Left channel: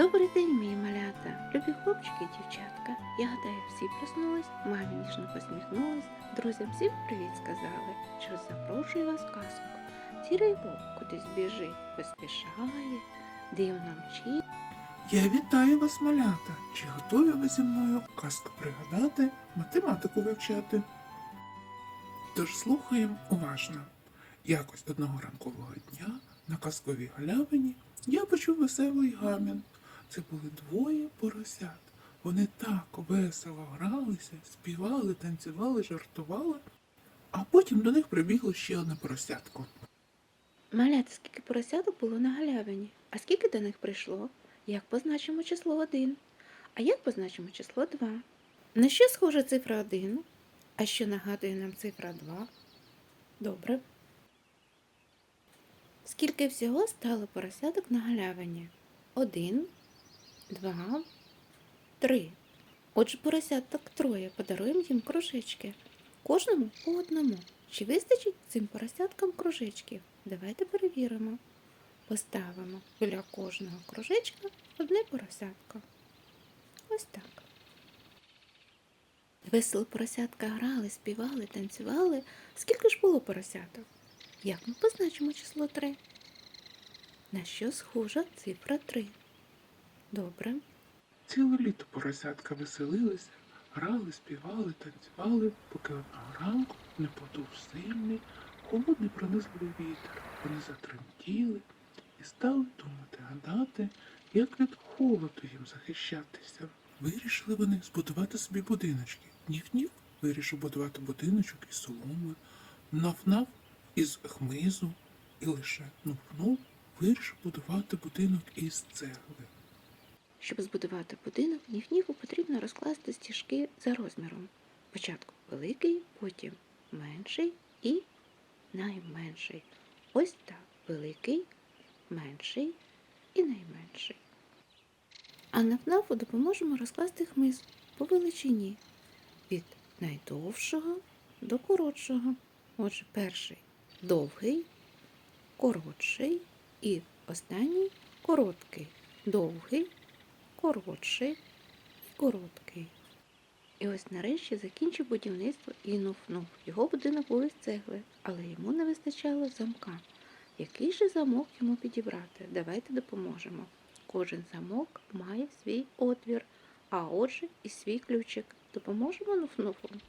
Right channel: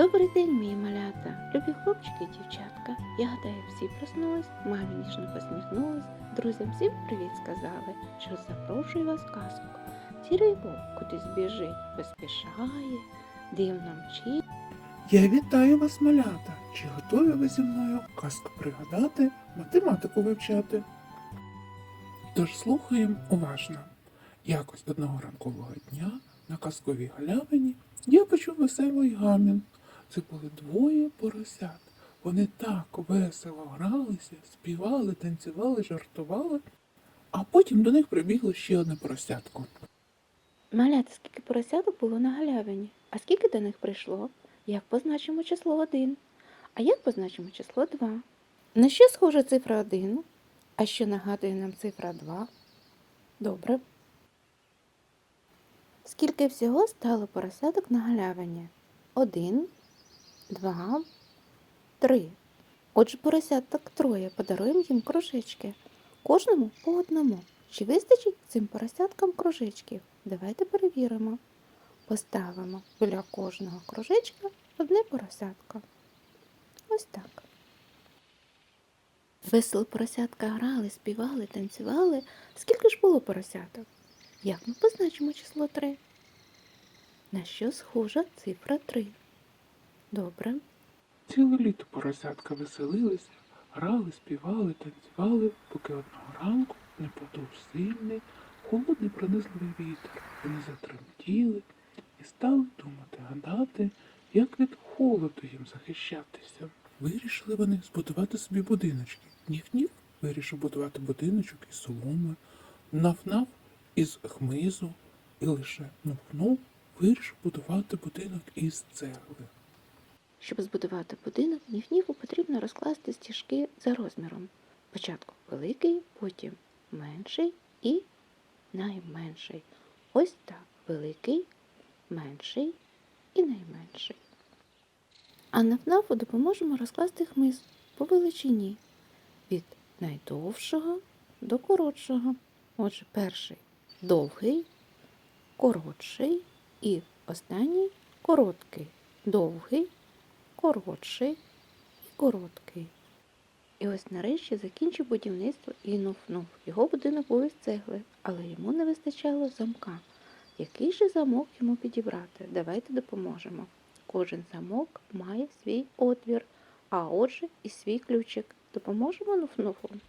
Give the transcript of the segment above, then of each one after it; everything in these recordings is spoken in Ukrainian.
Добрий день, мої малята, любі хлопчики і дівчатка. Я гадаю, всі проснулись, мамі ніжно посміхнулись, друзям всім привіт сказали, що запрошую вас казку. Сірий вовк кудись біжить, поспішає, дивно мчить. Я вітаю вас, малята! Чи готові ви зі мною казку пригадати, математику вивчати? Тож слухаємо уважно. Якось одного ранкового дня на казковій галявині я почув веселий гамін. Це були двоє поросят. Вони так весело гралися, співали, танцювали, жартували, а потім до них прибігло ще одне поросятко. Малята, скільки поросяток було на галявині, а скільки до них прийшло? Як позначимо число один? А як позначимо число два? На що схожа цифра один? А що нагадує нам цифра два? Добре. Скільки всього стало поросяток на галявині? Один, два, три. Отже, поросяток троє. Подаруємо їм кружечки. Кожному по одному. Чи вистачить цим поросяткам кружечків? Давайте перевіримо. Поставимо біля кожного кружечка одне поросятко. Ось так. Весело поросятка грали, співали, танцювали. Скільки ж було поросяток? Як ми позначимо число 3? На що схожа цифра 3? Добре. Ціле літо поросятка веселилися, грали, співали, танцювали, поки одного ранку не подув сильний, холодний пронизливий вітер. Вони затремтіли і стали думати, гадати, як від холоду їм захищатися. Вирішили вони збудувати собі будиночки. Ніф-ніф вирішив будувати будиночок із соломи, наф-наф із хмизу, і лише нуф-нуф вирішив будувати будинок із цегли. Щоб збудувати будинок, ніф-ніфу потрібно розкласти стіжки за розміром. Спочатку великий, потім менший і найменший. Ось так. Великий, менший і найменший. А на ФНАФу допоможемо розкласти хмиз по величині від найдовшого до коротшого. Отже, перший довгий, коротший і останній короткий. Довгий, коротший і короткий. І ось нарешті закінчив будівництво і нуф-нуф. Його будинок був із цегли, але йому не вистачало замка. Який же замок йому підібрати? Давайте допоможемо. Кожен замок має свій отвір, а отже і свій ключик. Допоможемо нуф-нуфу?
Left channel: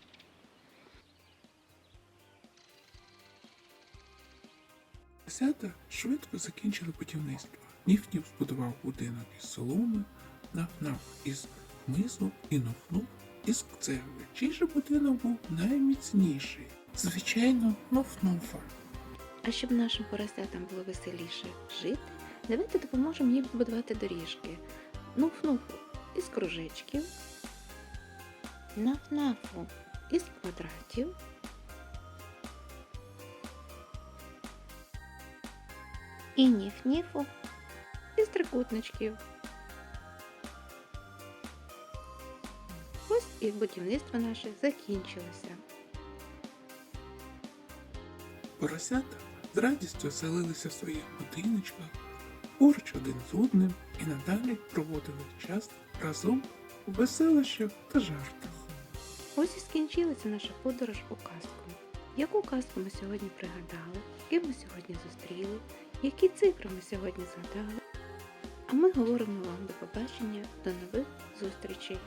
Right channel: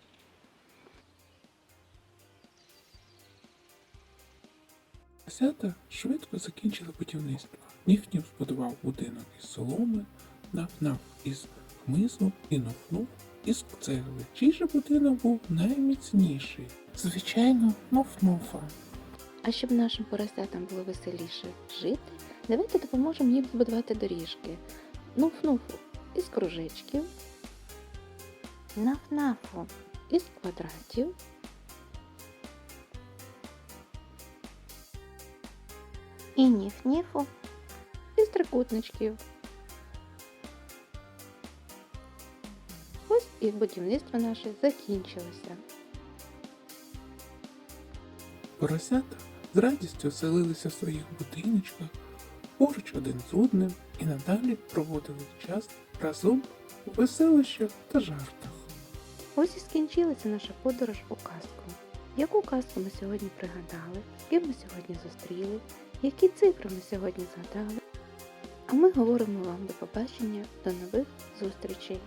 Поросята швидко закінчили будівництво. Ніф-ніф збудував будинок із соломи, наф-наф із хмизу і нуф-нуф із цегли. Чий же будинок був найміцніший? Звичайно, нуф-нуфа. А щоб нашим поросятам було веселіше жити, давайте допоможемо їм побудувати доріжки. Нуф-нуфу із кружечків, наф-нафу із квадратів, і ніф-ніфу із трикутничків. І будівництво наше закінчилося. Поросята з радістю селилися в своїх будиночках, поруч один з одним і надалі проводили час разом у веселищах та жартах. Ось і скінчилася наша подорож у казку. Яку казку ми сьогодні пригадали, ким ми сьогодні зустріли, які цифри ми сьогодні згадали. А ми говоримо вам до побачення, до нових зустрічей.